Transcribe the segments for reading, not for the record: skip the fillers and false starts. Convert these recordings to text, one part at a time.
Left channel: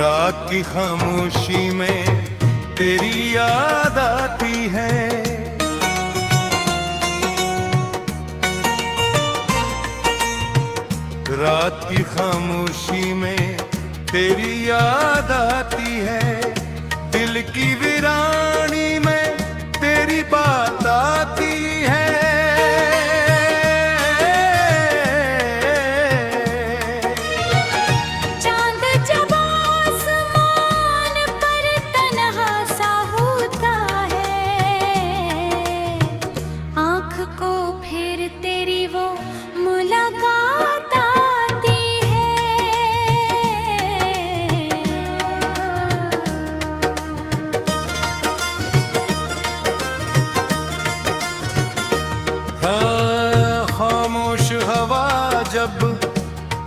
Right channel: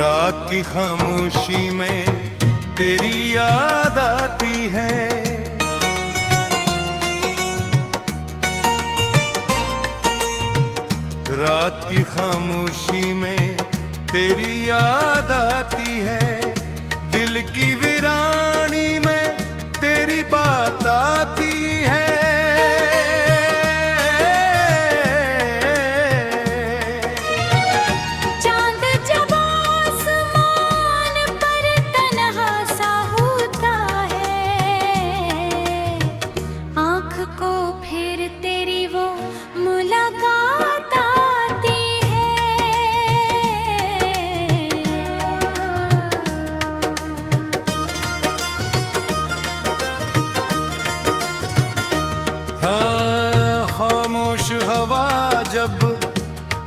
रात की खामोशी में तेरी याद आती है। रात की खामोशी में तेरी याद आती है। दिल की वीरानी में तेरी बात आती है। हाँ, खामोश हवा जब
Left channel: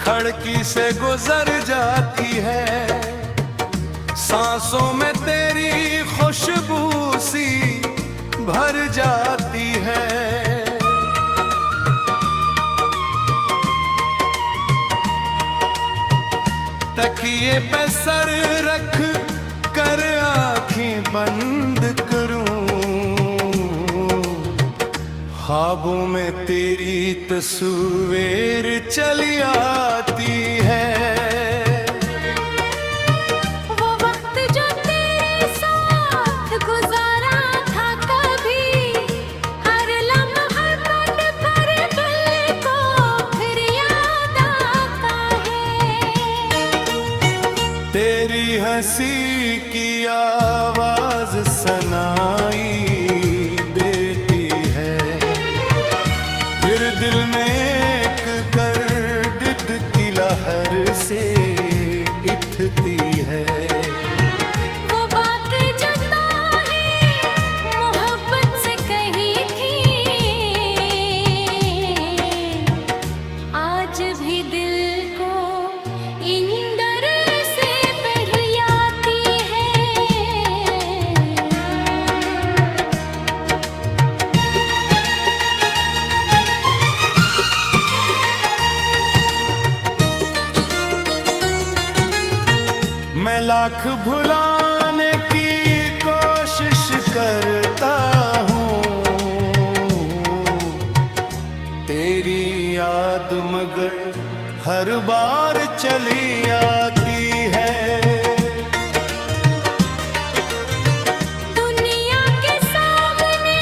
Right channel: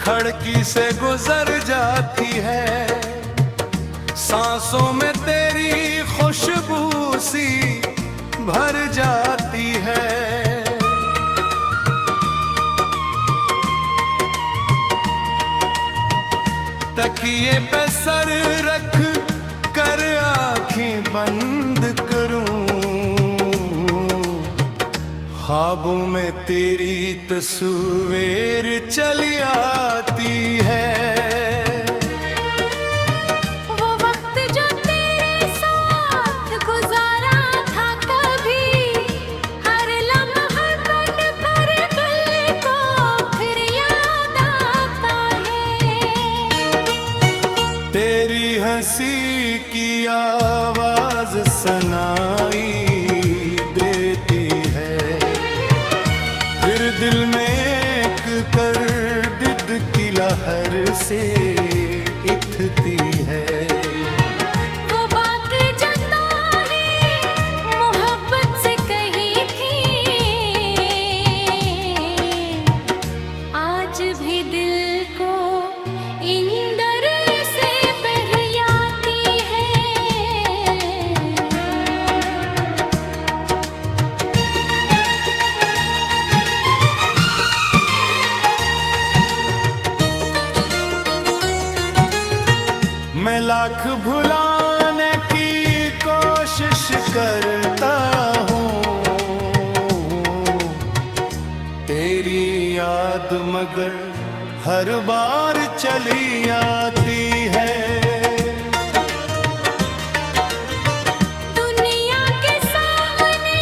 खिड़की से गुजर जाती है, सांसों में तेरी खुशबू सी भर जाती है। तकिए पे सर रख कर आंखें बंद करूं, ख्वाबों में तेरी तस्वीर चली आती है। वो वक्त जो तेरे साथ गुजारा था कभी, हर लम्हा पल पर पल को फिर याद आता है। तेरी हंसी की आवाज सनाई देती है, फिर दिल में एक गर्द की लहर से उठती है। वो बात जो तूने मोहब्बत से कही थी, आज भी दिल को इंदर से बहलाती है। मैं लाख भुलाने की कोशिश करता हूँ, तेरी याद मगर हर बार चली आती है। दुनिया के सामने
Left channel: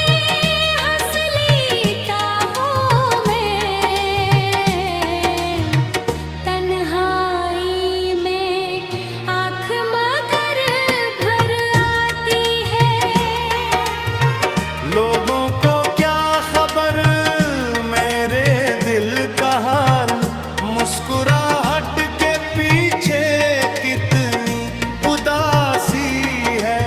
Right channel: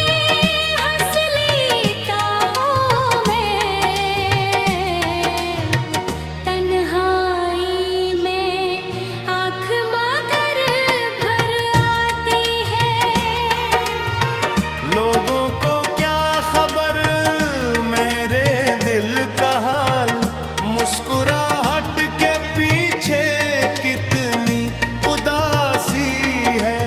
हंस लेता हूँ मैं, तन्हाई में आँख मगर भर आती है। लोगों को क्या खबर मेरे दिल का हाल, मुस्कुराहट के पीछे कितनी उदासी है।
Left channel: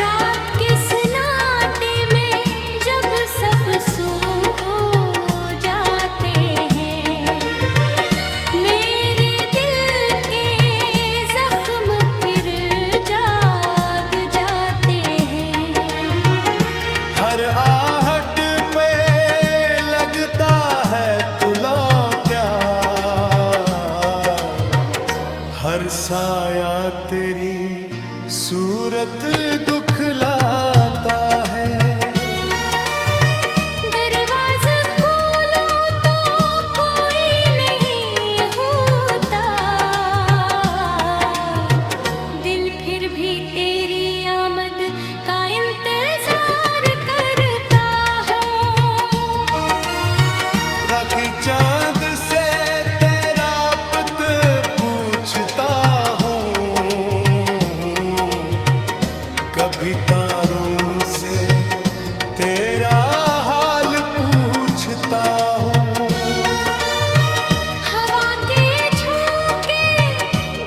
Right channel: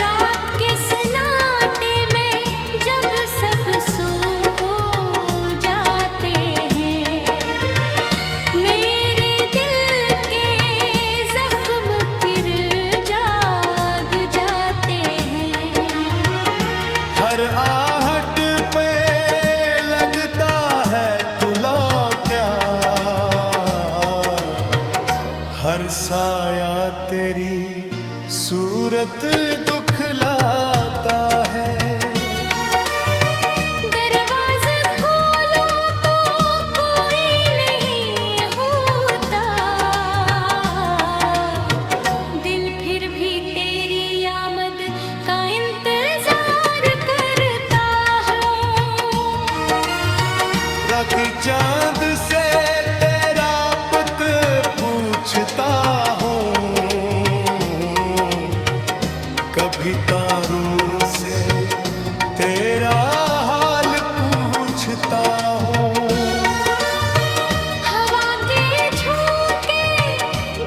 रात के सन्नाटे में जब सब सो जाते हैं, मेरे दिल के जख्म फिर जाग जाते हैं। हर आहट पे लगता है तुला क्या, हर साया तेरी सूरत दुखलाता है। दरवाज़ा खोलो तो कोई नहीं होता, दिल फिर भी तेरी आमद का इंतजार करता है। राखी चांद से तेरा पत पूछता हूँ, कभी तारों से तेरा हाल पूछता हूँ। हवा के झोंके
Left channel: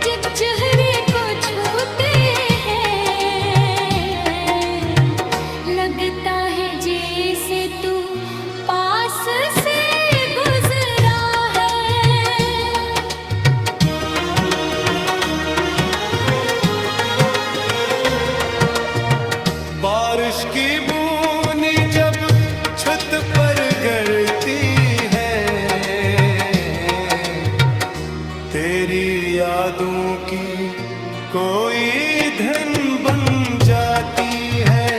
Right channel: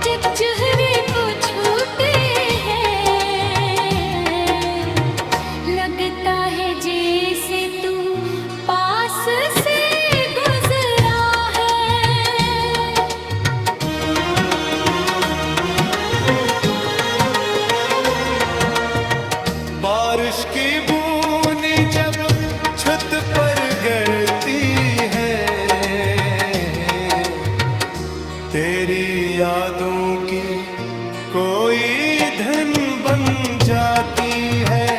जब चेहरे को छूते हैं, लगता है जैसे तू पास से गुजरा है। बारिश की बूंदी जब छत पर गिरती है, तेरी यादों की कोई धन बन जाती है।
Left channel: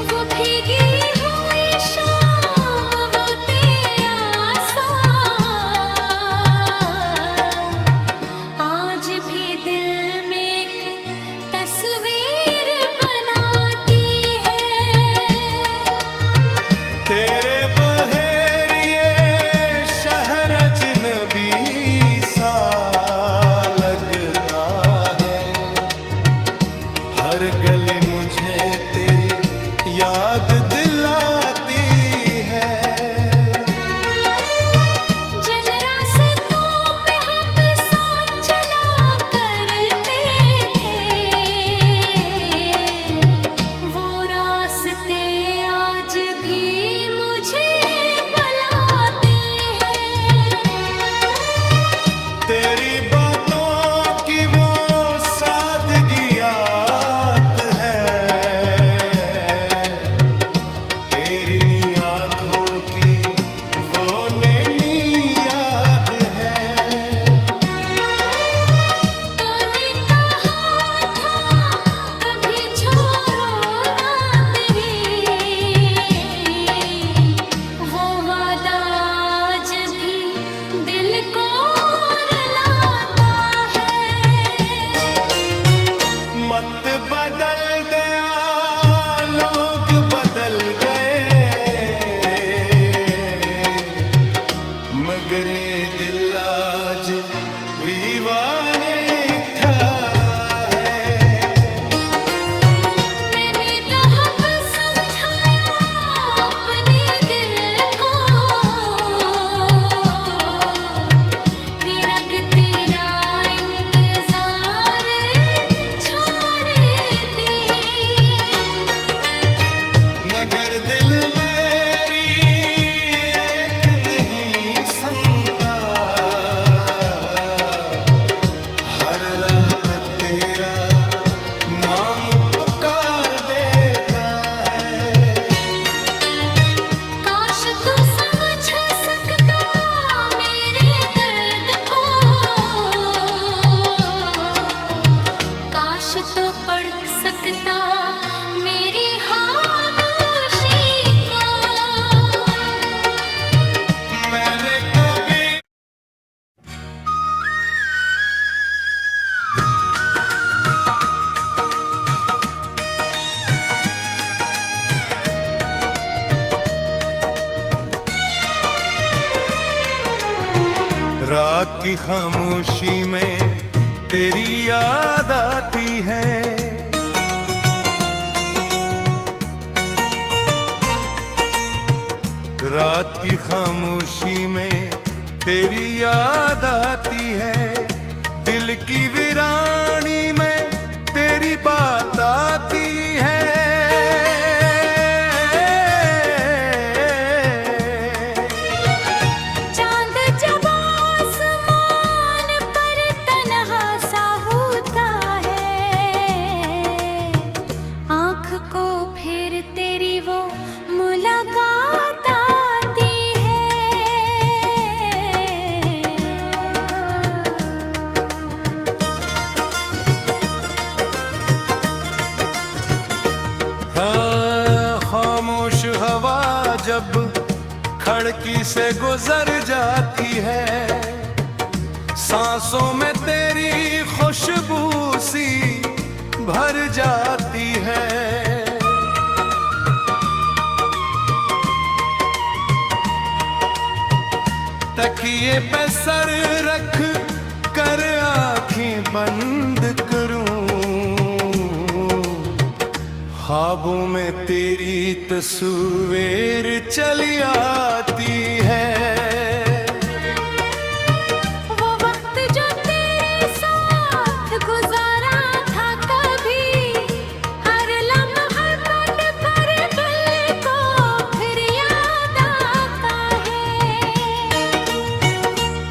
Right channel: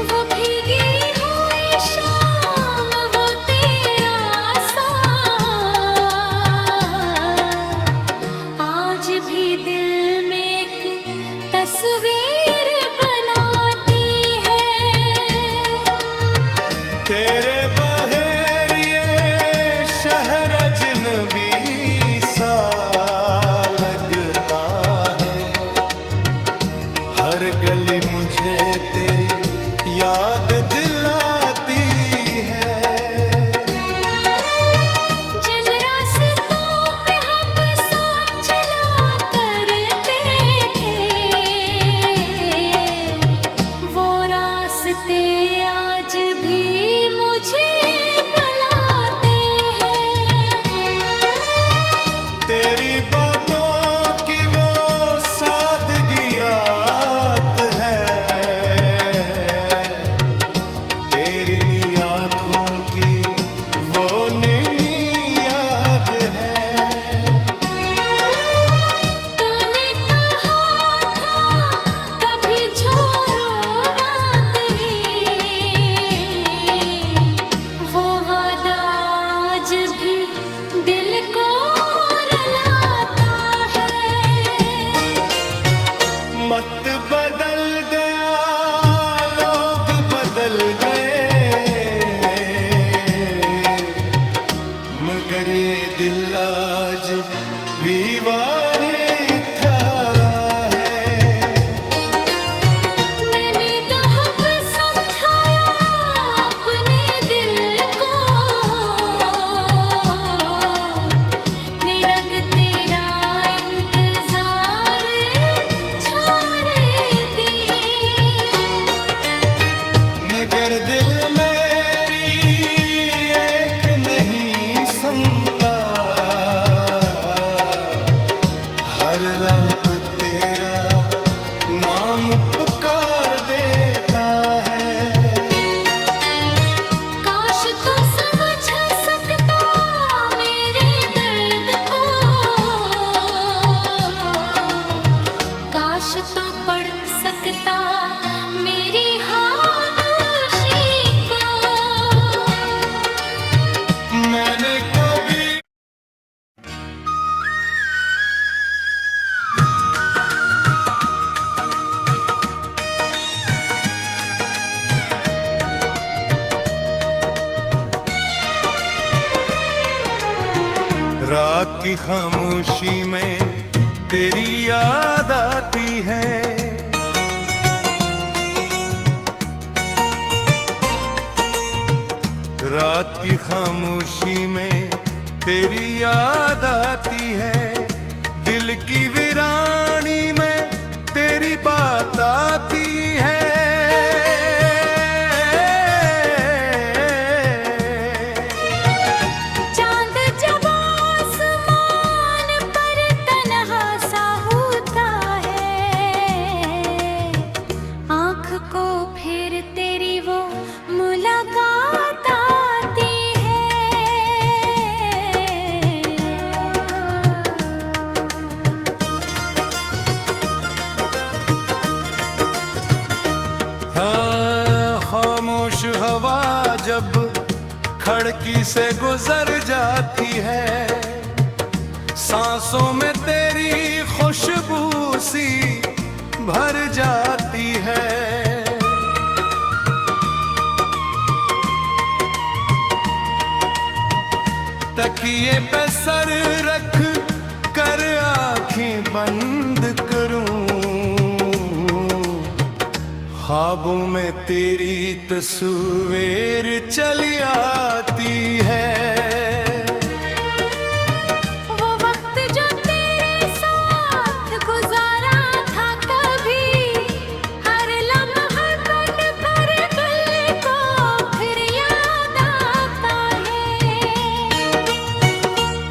वो भीगी हुई शाम, वो तेरा साथ आज भी दिल में एक तस्वीर बनाती है। तेरे बहेर ये शहर अजनबी सा लगता है। हर गली मुझे तेरी याद दिलाती है। जिन रास्तों पे हम साथ चला करते थे, वो रास्ते आज भी मुझे बुलाते हैं। तेरी बातों की वो सादगियात है। तेरी नी आँखों की वो नैनी याद है। तूने कहा था कभी छोड़ूंगा नहीं, वो वादा आज भी दिल को रुलाता है। मत बदल गया, लोग बदल गए, मगर ये दिल आज भी वाने ठहरा है। मैंने तो अब समझाया अपने दिल को, निरग तेरा इंतजार छोड़ दे। मगर दिल मेरी एक नहीं सुनता। हर रात तेरा नाम पुकार देता है। काश तू समझ सकता मेरे दर्द को, काश तू पढ़ सकता मेरी खामोशी को। मैंने कभी रात की खामोशी में तेरी याद आती है। रात की खामोशी में तेरी याद आती है। दिल की वीरानी में तेरी बात आती है। चांद जब आसमान पर तन्हा सा होता है, आँख को फिर तेरी वो मुलाकात आती है। हाँ, खामोश हवा जब खड़की से गुजर जाती है, सांसों में तेरी खुशबू सी भर जाती है। तकिए पे सर रख कर आंखें बंद करूं, ख्वाबों में तेरी तस्वीर चली आती है। वो वक्त जो तेरे साथ गुजारा था कभी, हर लम्हा पल पर दिल को फिर याद आता है।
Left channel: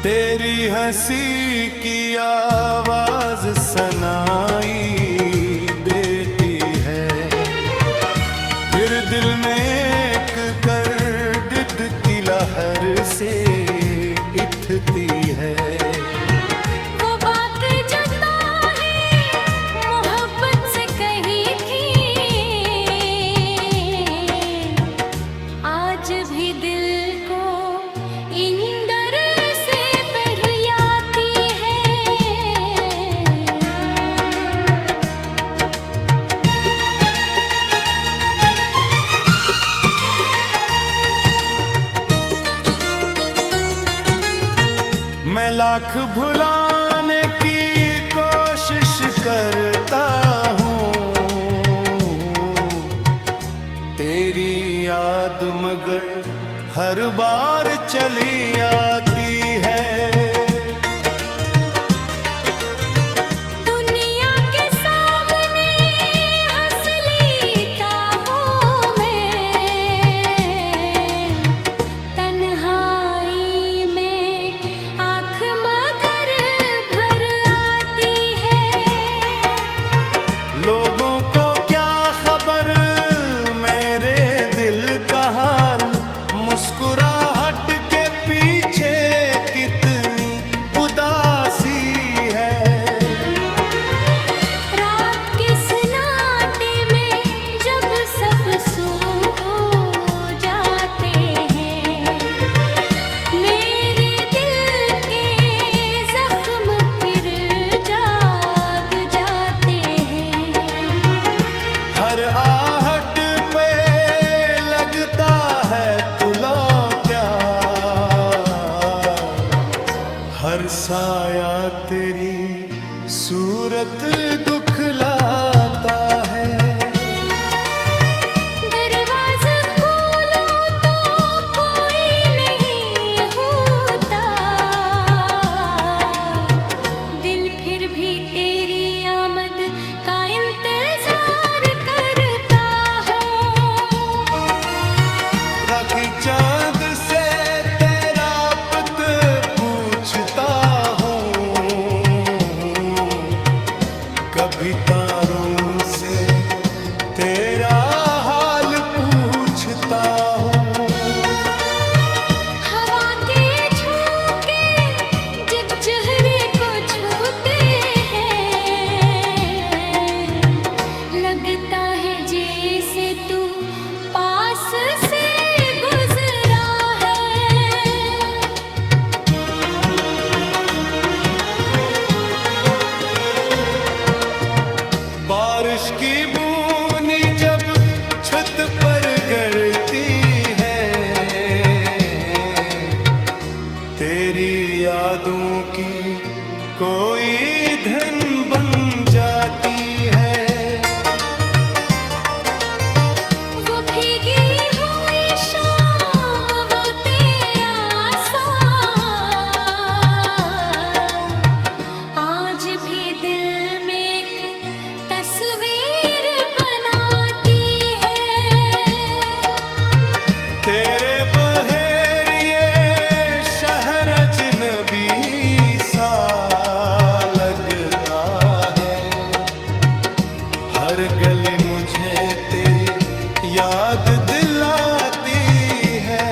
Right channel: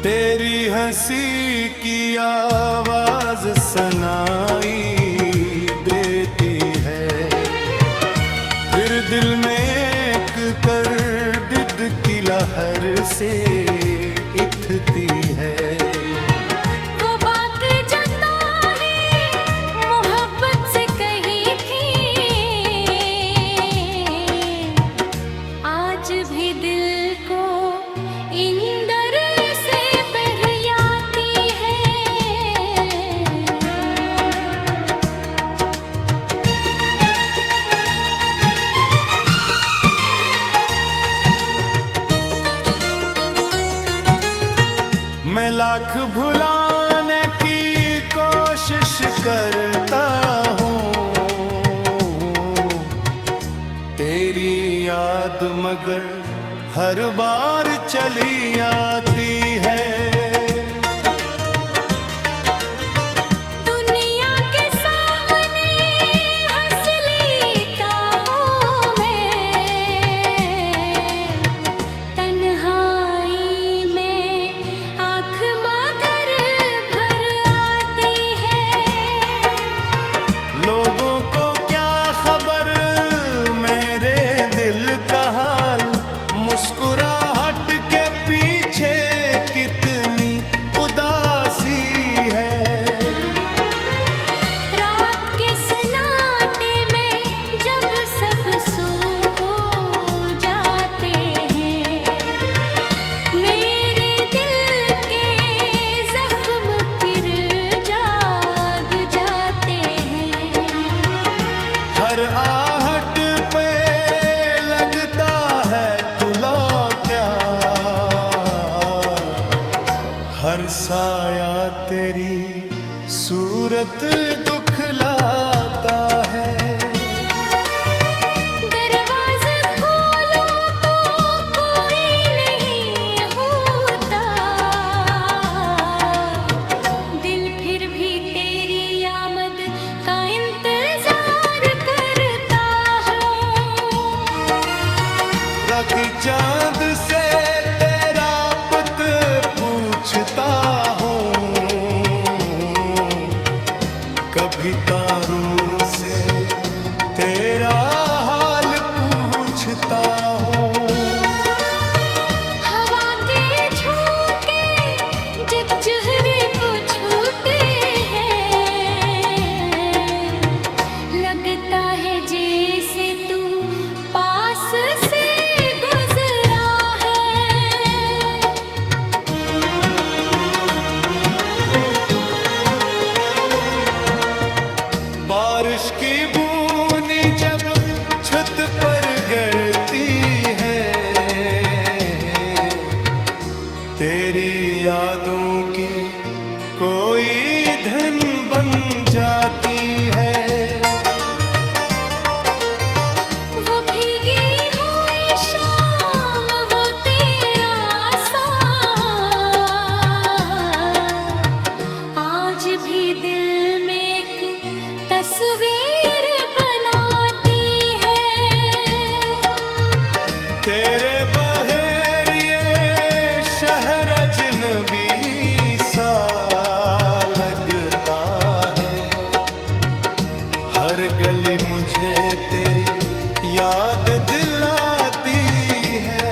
तेरी हंसी की आवाज सनाई देती है, फिर दिल में एक कर दिद की लहर से उठती है। वो बात जो ताने मोहब्बत से कही थी, आज भी दिल को इंदर से बहलाती है। मैं लाख भुलाने की कोशिश करता हूँ, तेरी याद मगर हर बार चली आती है। दुनिया के सामने हंस लेता हूँ मैं, तन्हाई में आँख मगर भर आती है। लोगों को क्या खबर मेरे दिल का हाल, मुस्कुराहट के पीछे कितनी उदासी है। रात के सन्नाटे में जब सब सो जाते हैं, मेरे दिल के जख्म फिर जाग जाते हैं। हर आहट पे लगता है तुला क्या, हर साया तेरी सूरत दुखलाता है। दरवाज़ा खोलो तो कोई नहीं होता, दिल फिर भी तेरी आमद का इंतजार करता है। राखी चांद से तेरा पत पूछता हूँ, कभी तारों से तेरा हाल पूछता हूँ। हवा के झोंके जब चेहरे को छूते हैं, लगता है जैसे तू पास से गुजरा है। बारिश की बूंदी जब छत पर गिरती है, तेरी यादों की कोई धन बन जाती है। वो भीगी हुई शाम, वो तेरा साथ, आज भी दिल में एक तस्वीर बनाती है। तेरे बहेर ये शहर अजनबी सा लगता है, हर गली मुझे तेरी याद दिलाती है।